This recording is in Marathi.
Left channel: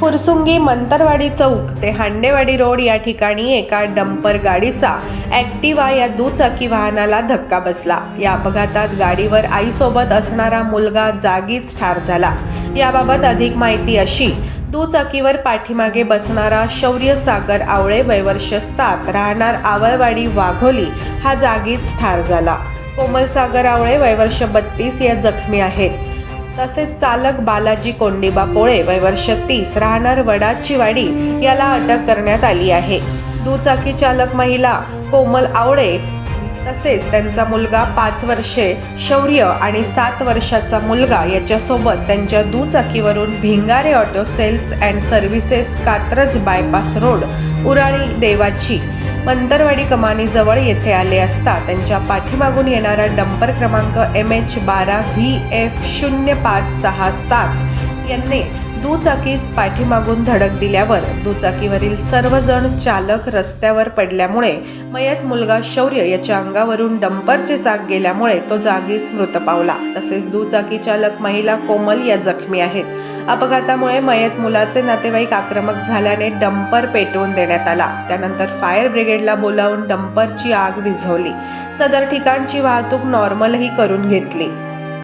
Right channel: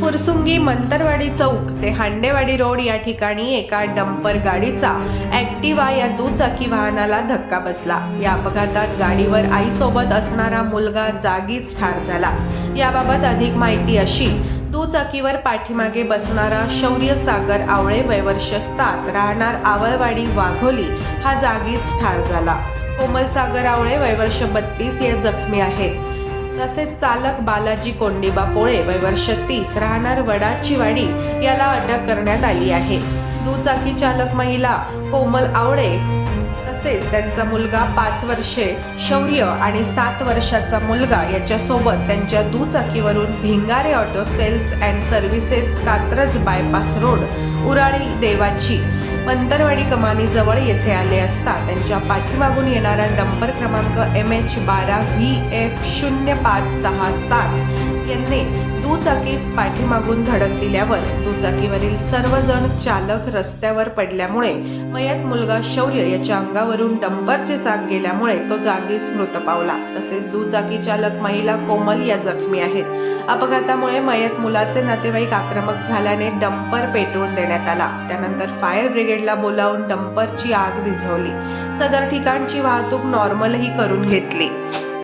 फुरसुंगी मंतरवाडी चौक ते हांडेवाडी रोड या ठिकाणी एका डंपर गाडीचा ॲक्टिवा या दुचाकी वाहनाला धक्का बसला. या अपघातात गाडीवर आईसोबत असणारा मुलगा जागीच ठार झाला. याबाबत अधिक माहिती अशी दुचाकीवर पाठीमागे बसणारा शौर्य सागर आवळे वयवर्ष सात राहणार आवळवाडी वाघोली हा जागीच ठार झाला. कोमल सागर आवळे वयवर्ष बत्तीस या जखमी आहेत. तसेच चालक बालाजी कोंडिबा पोळे वयवर्ष तीस राहणार वडाची वाडी याला अटक करण्यात आली आहे. दुचाकी चालक महिला कोमल आवळे तसेच त्यांचा मुलगा पाच वर्षे शौर्य आणि सात वर्षाचा मुलगा याच्यासोबत त्यांच्या दुचाकीवरून Bhingare auto sales and services Katraj bypass road Uruli Devachi Pantarwadi कमानीजवळ येथे आले असता त्यांच्या पाठीमागून येणारा डंपर क्रमांक एम एच बारा व्ही एफ शून्य पाच सहा सात यांनी दुचाकीस पाठीमागून धडक दिल्यावर दुचाकीवरील सर्वजण चालक रस्त्यावर पडल्यामुळे मयत मुलगा शौर्य याच्या अंगावरून डंपरचे चाक गेल्यामुळे तो जागीच मृत पावला. तसेच दुचाकी चालक महिला कोमल या जखमी आहेत. अपघातामुळे मयत मुलाचे नातेवाईक आक्रमक झाल्याने डंपर पेटवून देण्यात आला. त्यानंतर फायर ब्रिगेडला बोलावून डंपरची आग विझवली. सदर ठिकाणची वाहतूक नॉर्मलही करून घेतली.